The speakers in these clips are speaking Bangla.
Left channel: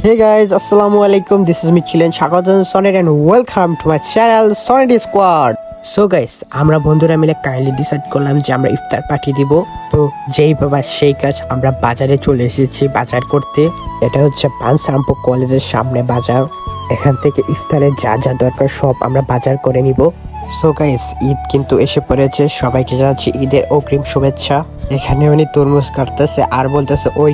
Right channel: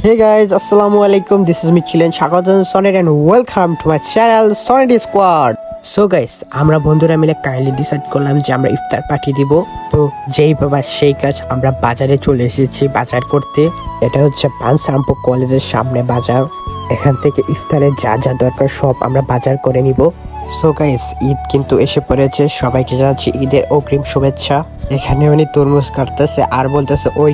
Hey guys, Assalamualaikum. This is Michilan Shakadan Sonnet and welcome to my channel Sonnet Squad. So guys, আমরা বন্ধুরা মিলে কাইন্ডলি ডিসাইড করলাম যে আমরা ইফতার পার্টি দিব। তো যেই বাবা সেই কাজ, আমরা বাজারে চলে এসেছি বাজার করতে। এটা হচ্ছে পানসারামপুর কলেজের সামনে বাজার। এখান থেকে ইফতারের যা যা দরকার সব আমরা বাজার করে নিব। সো গাইস, ঈদ কিন্তু এসে পড়েছে, সবাইকে জানাচ্ছি ঈদের অগ্রিম শুভেচ্ছা। এখানে উনি তরমুজ কাটতেছে আর বলতেছে ওই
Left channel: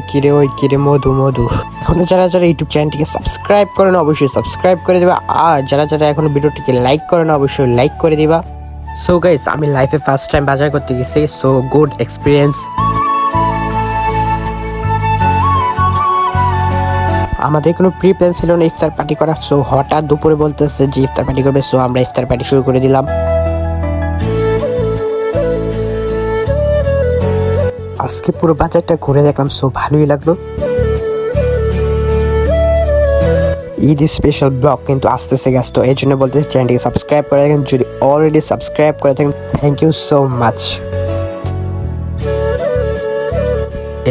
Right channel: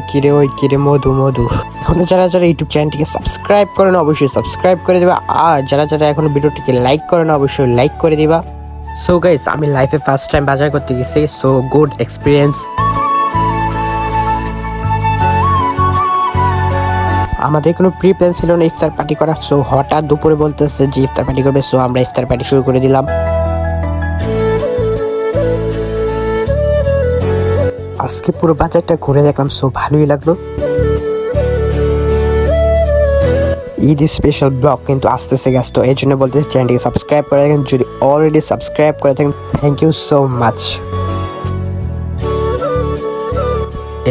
কিরে মধু মধু। এখনো যারা ইউটিউব চ্যানেলটিকে সাবস্ক্রাইব করেন অবশ্যই সাবস্ক্রাইব করে দিবা, আর যারা এখনো ভিডিওটিকে লাইক করেন অবশ্যই লাইক করে দিবা। সো গাইস, আমি লাইফে ফার্স্ট টাইম বাজার করতে গেছি, সো গুড এক্সপিরিয়েন্স। আমাদের কোনো প্রি প্ল্যান ছিল না ইফতার পার্টি করার, সো হঠাৎ দুপুরে বলতেছে যে ইফতার পার্টি করবে, সো আমরা ইফতার পার্টি শুরু করে দিলাম। আজকে পুরো বাজারটা ঘুরে দেখলাম, সো ভালোই লাগলো। ঈদ স্পেশাল ব্লগ কিন্তু আসতেছে গ্যাস, তো এই জন্য বলতেছি চ্যানেলটিকে সাবস্ক্রাইব করে দেখেন। যদি অলরেডি সাবস্ক্রাইব করে থাকেন, থ্যাংক ইউ সো মাচ।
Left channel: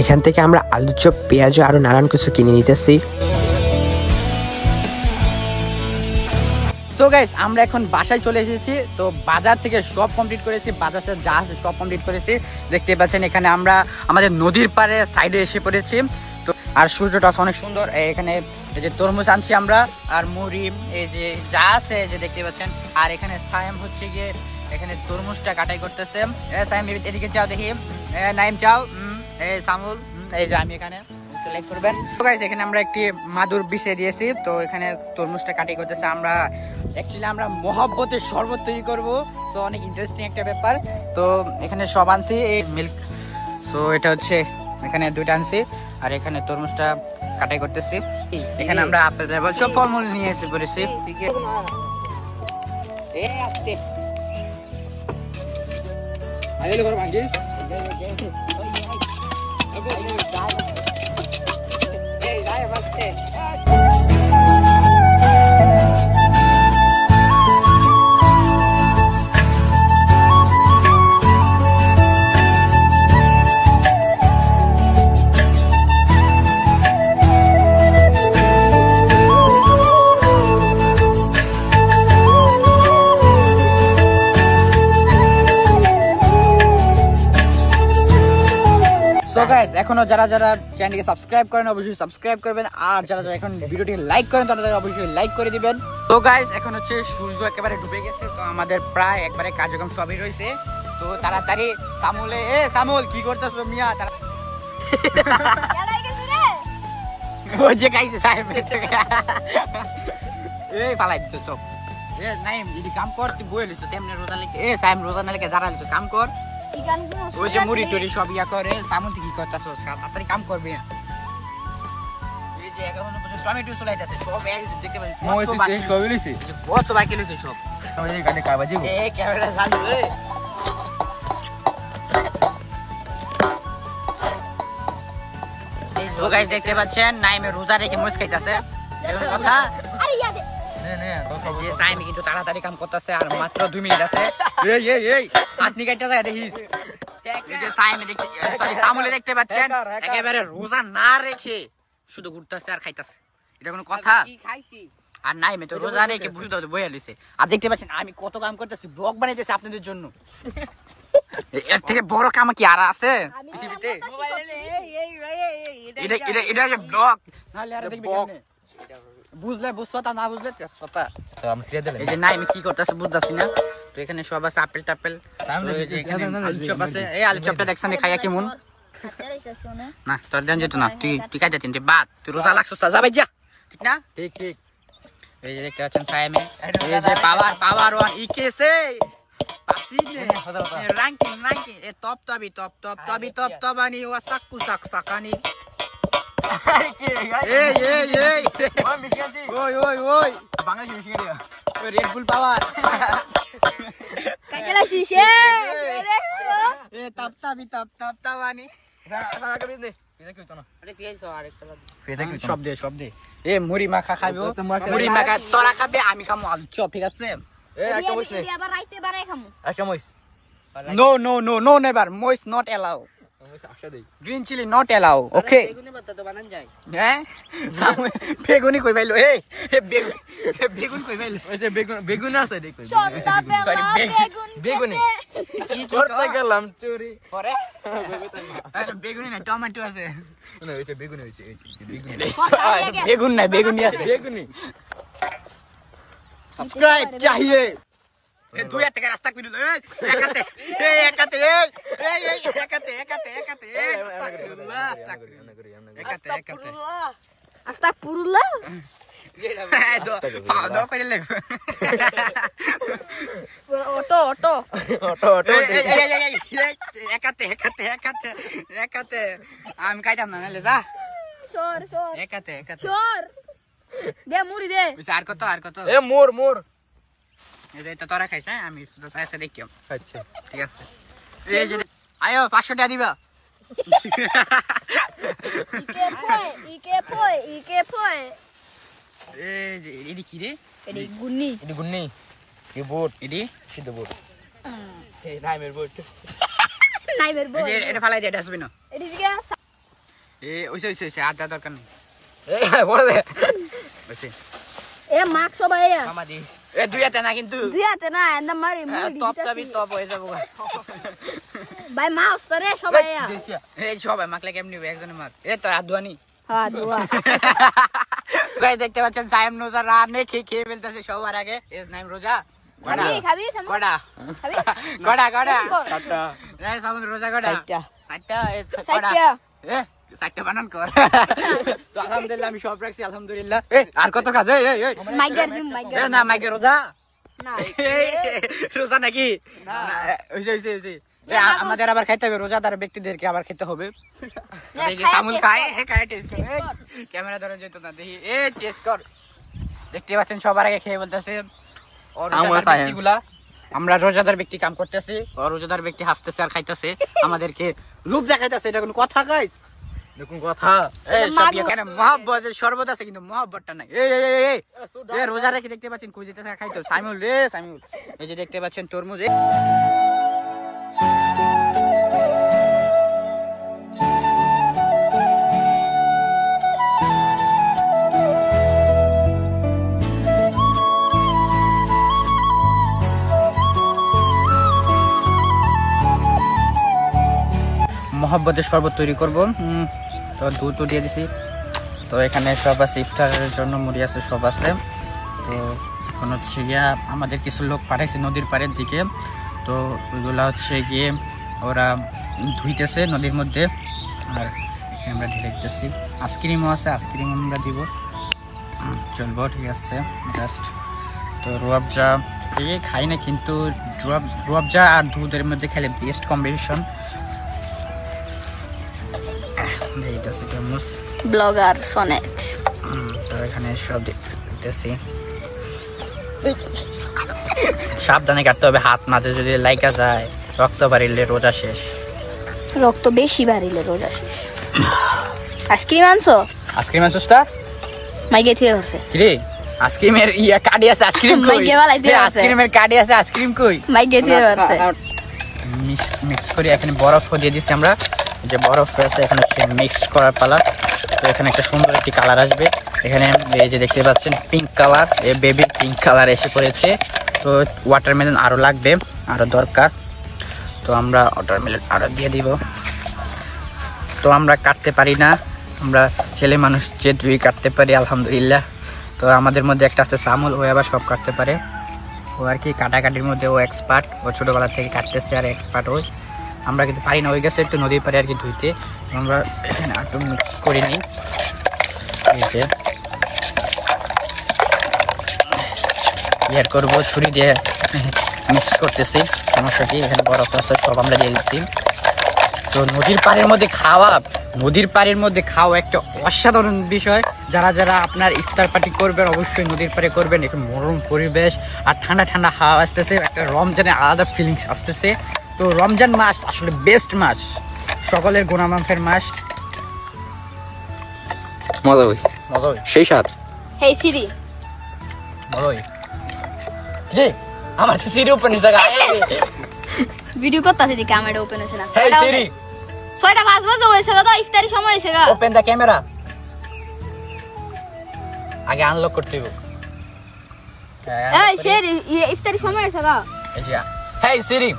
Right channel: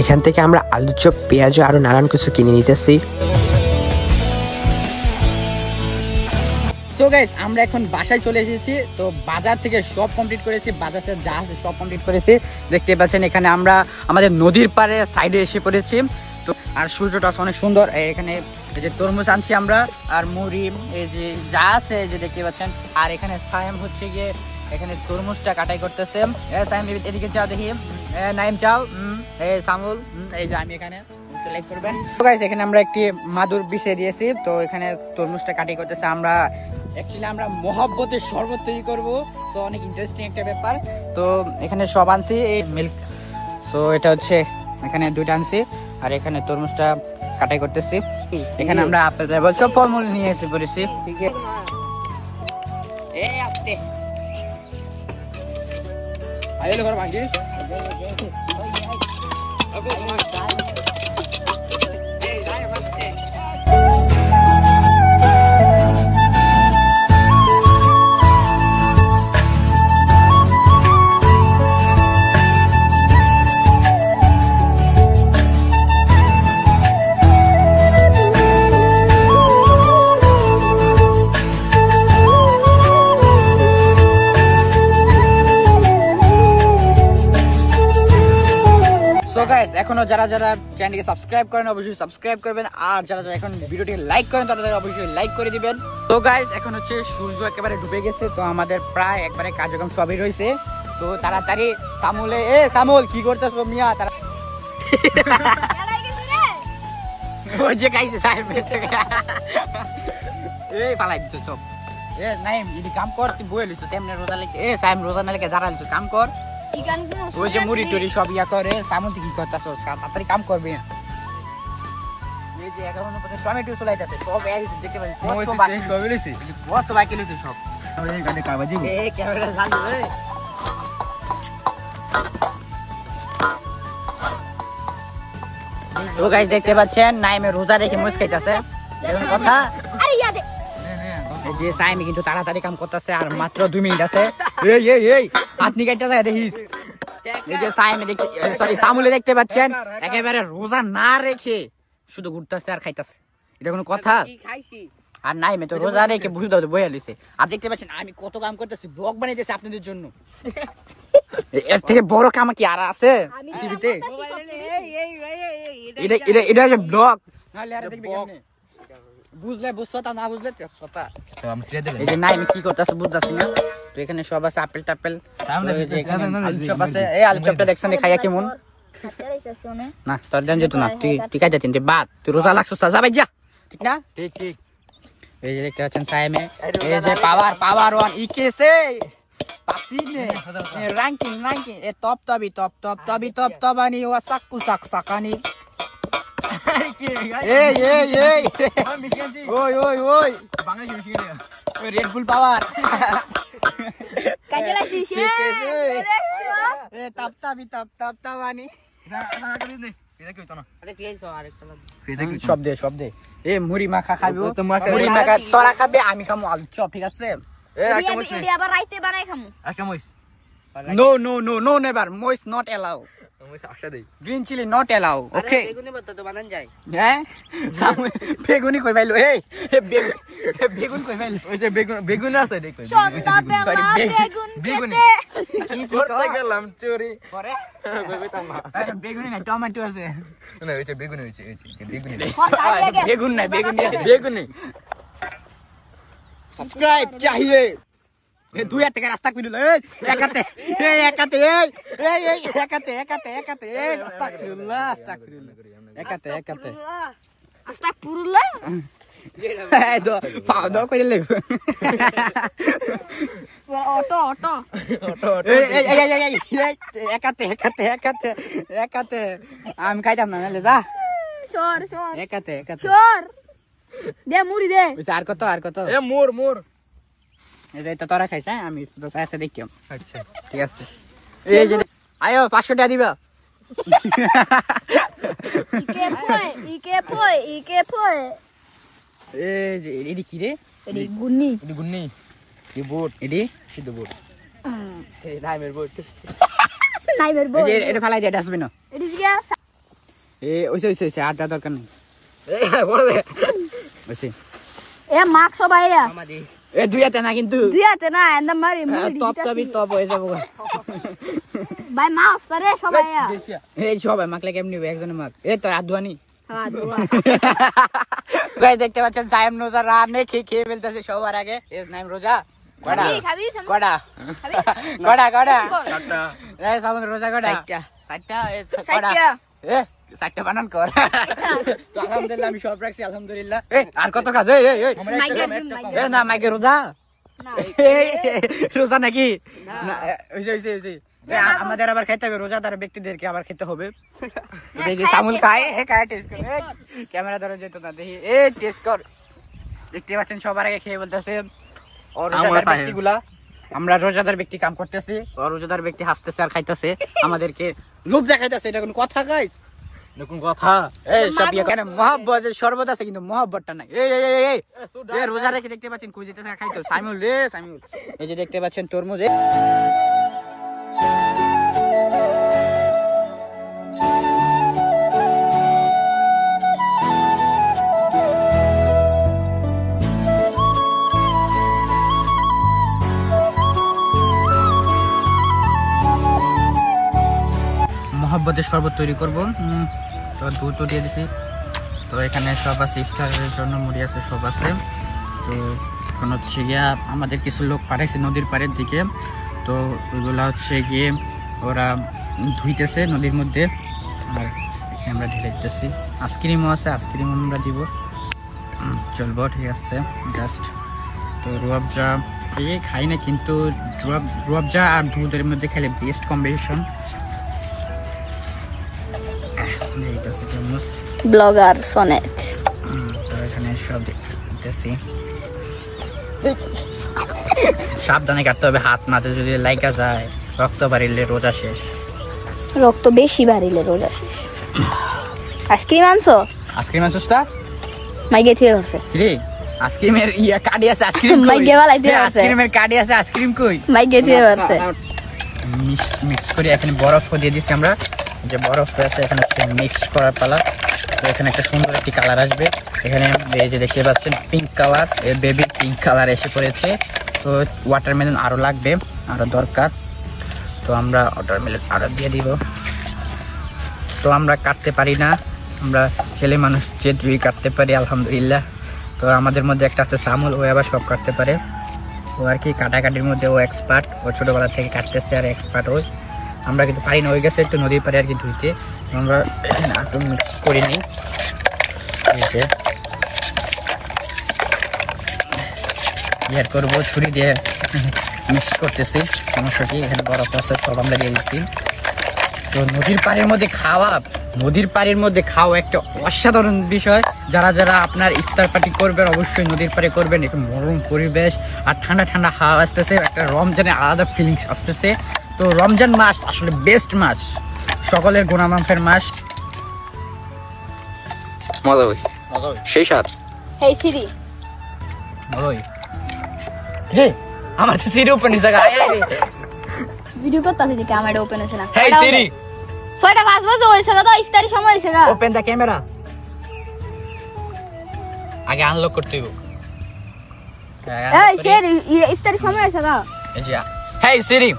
এখান থেকে আমরা আলু চপ, পেঁয়াজ আরো নানান কিছু কিনে নিতেছি। সো গাইস, আমরা এখন বাসায় চলে এসেছি। তো বাজার থেকে সব কমপ্লিট করেছি, বাজার থেকে যা আছে সব কমপ্লিট করেছি। দেখতে পাচ্ছেন এখানে আমরা আমাদের নদীর পাড়ে সাইডে এসে পড়েছি। তো আর সূর্যটা অনেক সুন্দর। এখানে এই যে তরমুজ আনছি আমরা, আর মুড়ি এই যে যা আছে এই যে দেখতে পাচ্ছেন। আর এখানে সায়েম হচ্ছে গিয়ে এখানে তরমুজটা কাটাই করতেছে। সায়েম এদিকে চাও দেখি, নাইম চাও, সামুল এই যে আমি এখানে লাইক করবেন। তো গাইস, এখানে আমরা একটি মাদুর বিছিয়ে দিয়েছি। তো এখানে তরমুজটা কাটাই করতেছে। আমরা মহব্বতের শরবত তৈরি করবো, তো অনেক ইন্টারেস্টিং একটা ব্যাপার। তো এখানে সব আনছি, এই মিল্ক, সো এটা হচ্ছে এখানে দুইটা আনছি, আর এখানে তরমুজটা কাটাই করতেছি। এখানে আমরা আপেল সব ফলমূল নিয়ে এসে পড়েছি। সো গাইস, এখনো যারা চ্যানেলকে সাবস্ক্রাইব করেন অবশ্যই সাবস্ক্রাইব করবেন, আর যারা এখন ভিডিওটি লাইক করেন তারা অবশ্যই লাইক করে দিবেন। তো গাইস, এখন হচ্ছে সূর্য একেবারে ডুবে গেছে, তো আমাদের প্রায় একবারে কার্যক্রম সবই রয়েছে। তো তাড়াতাড়ি সামুল কি করতেছো মিয়া? তারা ওই যে গাইছে সাহেব পালাই দিছো সব। নাইম যদি কাম কর, তুই বই লিছো সামনে রোজা লেগে, সাহেব রোজা না লেগে দাঁড়া লিছো, কাম কর। ওই যে মুড়ি টুড়ি সব ইয়া করে, সামুল কি করতেছো? তাড়াতাড়ি কাম করবে। এই যে এখন টমেটো চলাইতেছে সব, দেখতে পাচ্ছি কত বাকি লইছে সব। ক্যামেরা চালু। তো গাইস, দেখতে পাচ্ছেন নাইমে রোজা রেখে মুচ খাইতেছে, কথা। সাইমি কিন্তু তাড়াতাড়ি কাম করতেছে, আর মাত্র 2 মিনিট আছে। আপনি কাটতেছে দেখিস। এই যে সামুলে দেখতে পাচ্ছেন একেবারে রোজা না রেখে শুধু ঘুরতেছে আর খাইতেছে, এটা কোনো কথা? আর নাইমে তো রোজা রেখে বুঝতে বইয়া লিছে। আর দেখতে পাচ্ছেন আমি কত কাম করতেছি, ব্লগ বানাইতেছি আপনাদের জন্য। এর থেকে বড় কাম কি আর আছে পৃথিবীতে? এটা ব্লগ, নাহলে আর দেখবি কেমনে? বুঝলে বুঝছো, তা না বুঝলে এই যে নাইমে কি করতেছে বুঝতেছি না। তো এখানে সব আছে, আপেল টাপেল, আলু চপ আছে। এই আলু চপটা দেখছেন খাইয়া কেমন? না তোর দেন যেত না, তুই খাইতে তিনটে বাদ, তুই রোজা লাগছো যাবে যা, ঠিক না? ঠিক। এই যে দেখতে পাচ্ছেন সাইমে পাওয়ার ওয়ান ইকেছে পাসিনে ranking এ টপ তবানি ও সাকু সাকানি। ওই বাঙালি রেড বুল পাওয়ার কাজলা শিশে তাপতাবানি সব দে। মুড়ি মাখা খাবো, মুড়ি মাখা তোরা খাবে, আমি খামো আলু চপ, ঠিক আছে? নো নেভার, মোইস not allow. Green chilli not allow okay হ্যাঁ বেগুনি কই পাইলো এই বেগুন কই পাইলো বেগুন আছে সরি বেগুনি কি করতে গেলাম চুরি পরে আরে বেগুনি না টমেটো আছে না ওইটা বেগুনি হইছে বেগুনি বেগুন না বেগুনি আছে বেগুনি সাবস্ক্রাইব চাহিয়ে দুই হাত থেকে রাস্তা খুলে একাতে একাতে একাতে আস্তাগফিরুল্লাহ একাতে আস্তাগফিরুল্লাহ এই তো পাও দাও কইলে লেগ অটো একাতে আমি খাইতাম না লে যা সর একাতে দে মুড়ি দে আর কত এ মোর এটা তোরা খাইছ আমি শুধু চাইছে দেখিম আচ্ছা ঠিক আছে এই যে আয়ো 500 টাকা দিবা ইকে পয় এই যে এডি কি রে এডি গুন্নি এডি গুন্নি কি বুট এডি সিদ্ধ বুট এই নাইমের বুট নাইমের বই এটা ফালাই দে ডাস্টবিন এডি দিগা এ ওইছে আদা দরকার নেই এ বড় দে ওইছে এ মাক সবাই আমাদি এ দুই হাতে না কিন্তু দিয়াতে না এন্ড মারি মুড়ি টপ হয়ে যাবো ভাই মা ওস্তারে সবাই এই সবাই মাকলে কেমনি একজনের মাক এ তো আদওয়ানি হ্যাঁ দুয়া গাইস দেখতে পাচ্ছেন সাইম রোজা রানে খেয়ে ফেলতেছে সবার আগে এর নাম রোজা খাবি কড়া এই সামন রোজা কড়া সাতটা এই কড়া এ সাতটা বানান কর তো আলহামদুলিল্লাহ আমি সব রাখছি আলহামদুলিল্লাহ এ আর কত কাজ এই এ না মাইকে রোজা রোজা নাকি না ওইছে আমাদের আবার খাইতে হবে রোজাদার ব্যক্তিদেরকে আবার খেতে হবে দেখি সামুল খায় টেস্ট করে ক্যামেরা ধরে যেত না দেখি টেস্ট কর দেখতে পাচ্ছেন সবার আগে খেয়ে বলতেছে আমরা রোজাদার ব্যক্তি কাম করতেছি রোজাদার ব্যক্তি হাসতেছে আর খাইতেছে আমাদেরকে রূপ দেখাইতেছে এটা কোন কথা গাইস দেখুন কথা এই সব এখানে মহব্বতের শরবত আছে কিন্তু মহব্বতটা নাই এই রোজা রেখে দেখতে পাচ্ছেন কই যেতেছে খাইতে সাইমুল এই যে দেখতে পাচ্ছেন তরমুজ মহব্বতের শরবত তৈরি করব তো দুধ দিয়ে দিছি তো এখানে সব আছে ইফতারের জন্য মুড়ি আছে সব আছে তো এখন হচ্ছে গিয়া আমাদের কিছু লোক পাঠাইছে নদীর পাড়ের দিকে তো ওইগুলা হচ্ছে গিয়ে ওরা ধুইতেছে নদীর মধ্যে আর আমরা ঢেলে দিতেছি আইসক্রিমও আছে আইসক্রিম আমরা দিব চলবো ঠিক আছে জাস্ট তো রুয়াবজা খাই না কিন্তু রুয়াবজা আর দুধের মধ্যে খেলে বেস্ট কম্বিনেশন ব্লগার সনেট এখানে সব দেখতেছি সাবধানে কাটতে হবে হাত মাঝে যদি লাইকা যায় রক্ত বাড়িলে রোজা শেষ রক্ত বেশি বাড়িলে রোজা শেষ আইসক্রিম আনছো আইসক্রিম আনছোসটা মাইকে থিয়ে ধরছে কিরে আইসক্রিমের কার্ডি আছে আইসক্রিম মাইকে বালাই দিয়ে আছে আইসক্রিমের কার্ডি আছে আইসক্রিম কই মাইকে থিয়ে ধরছে মিক্স করে এখানে বরফ দিয়ে দিছি আমরা যে বরফ আছে এখানে মিক্স করার পালা তো এখানে একটা সুন্দর একটি কালার আসবে এখানে এই যে দেখতে পাচ্ছেন pink colour baby pink colour এসে পড়েছে তো ওয়াটারমেলন আরো লাগবে আরো দরকার তো আমরা ওয়াটারমেলন আরো দিয়ে দিব তো আমরা কাটতে পারি না আমরা ছেলে মানুষ যে দুই কাটতে পারি আলহামদুলিল্লাহ তো আমাদের মধ্যে একটা আছে সামল ও আবার সব কাটতে পারে ও আর কি কাটাকাটির মধ্যে ও এক্সপার্ট ও ছোটবেলা থেকে কাটতেছে আর এক্সপার্ট ওই আমরা কিন্তু পারি না ওই গেছে একটু নদীর পাড়ে আর কি ধুইতে আমরা এখানে একটু মিক্স করি নাই ইয়ার করবো ছুরি দিয়ে মিক্স করতেছি সমস্যা কি এখানে বরফ আছে সব আমরা দিয়ে দিচ্ছি তো নদীর পাড়ের মধ্যে খাওয়া একটা অসাধারণ বিষয় যারা যারা আপনার ইফতার পার্টি করবেন অবশ্যই নদীর পাড়ে করবেন একটু মনোরম পরিবেশ আর ঠান্ডা ঠান্ডা হাওয়া আসতেছে একটা রমজানের আলাদা ফিলিংস আসতেছে তো রমজান মাস আসলে বেস্ট মাস সকলের গুনাহ মাফের মাস মজা হই সেই সাথ হেই সিরি মজা হই রে আমার সিরি ওপেন জায়গা ভিডিও করতেছে যে ক্যামেরা ওপেন আছে না হেই সিরি 6:05 বাজে হয়েছে তো ইফতারি সময় হয়েছে গা। Open the camera. আগে আনলক করতে হবে। এই সিরি ইফতারি সময় হয়েছে গা। এই যে hey Siri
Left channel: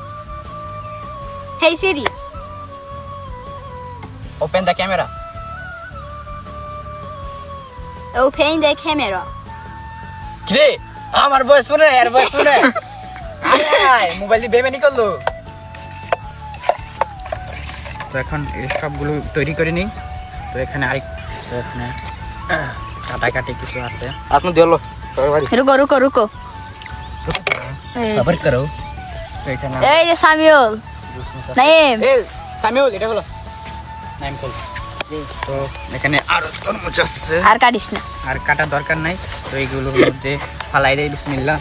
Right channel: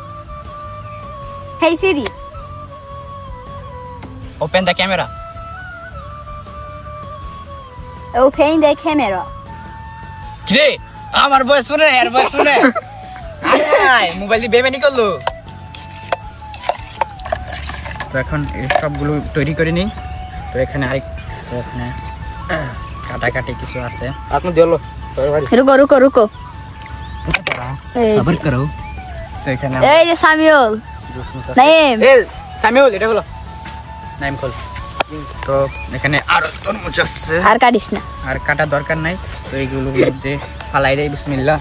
hey Siri open the camera. Open the camera. কিরে আমার বয়স শুনে এর বয়স শুনে আয় মোবাইল দিয়ে বেমানি করলো। তো এখন এই সবগুলো তৈরি করে নিই। তো এখানে আরেক তো এখানে কাটাকাটি কিছু আছে। আপনি দিলো রুকো রুকো রুকো। সবার করো। তো এখানে এই যে সামিউল নাইম এই সামিউল এটা হলো নাইম কল। তো এখানে আরো তরমুজ আছে আর কাটিস না। আর কাটা দরকার নাই। তো এইগুলোর মধ্যে ফালাই দেই বিসমিল্লাহ।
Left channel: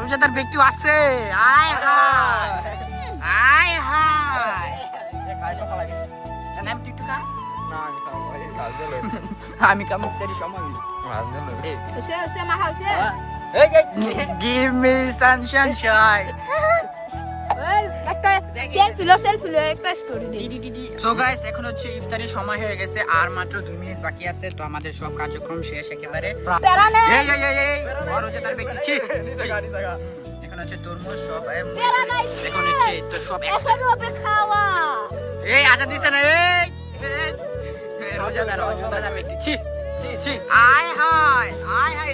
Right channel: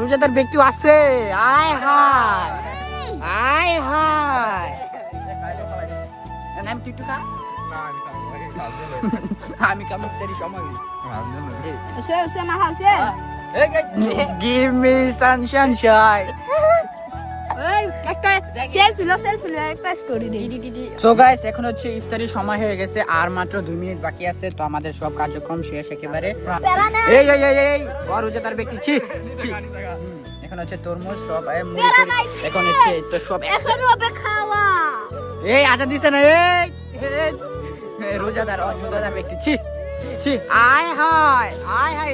রোজাদার ব্যক্তি আছে। আয় হায় আয় হায় নাম টিটু খা। আমি কাম তেরি সময় সে সে মা হাউসে গিভ মি সানশাইন। একটা সেলফি লো একটা স্টোরি দেই। সো গাইস এখন হচ্ছে ইফতারির সময় হয়ে গেছে আর মাত্র 2 মিনিট বাকি আছে। তো আমাদের সব কার্যক্রম শেষ একেবারে। এই এই এই এই আর রোজাদার ব্যক্তি ছি এখন হচ্ছে তরমুজ সব এখন হচ্ছে তো সব একসাথে খাওয়া। এই আচ্ছা দিছে না এই রোজাদার ব্যক্তি ছি ছি আয় হায়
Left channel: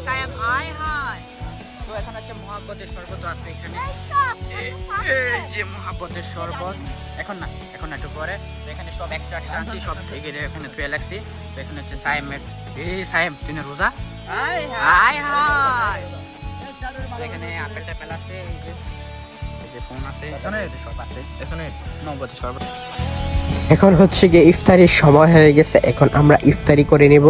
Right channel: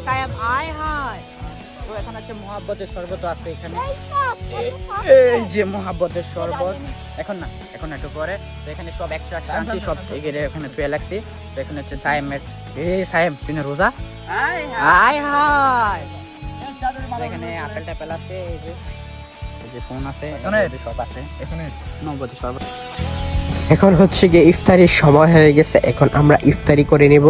সাহেব আয় হায়। তো এখন হচ্ছে মোহাব্বতের শরবত আছে এখানে। এই যে মোহাব্বতের শরবত এখন না এখন একটু পরে। তো এখানে সব এক্সট্রা আনছি সব থেকে এখানে ধুয়ে লাগছি। তো এখানে হচ্ছে সাহেবের এই সাহেব তুই না রোজা আয় হায়। তো এখানে আপেল টাপেল আছে এই যে ফোন আছে সব আছে এখানে মোহাব্বতের শরবত। এখন হচ্ছে গিয়ে ইফতারির সময় হয়ে গেছে, এখন আমরা ইফতারি করে নেব।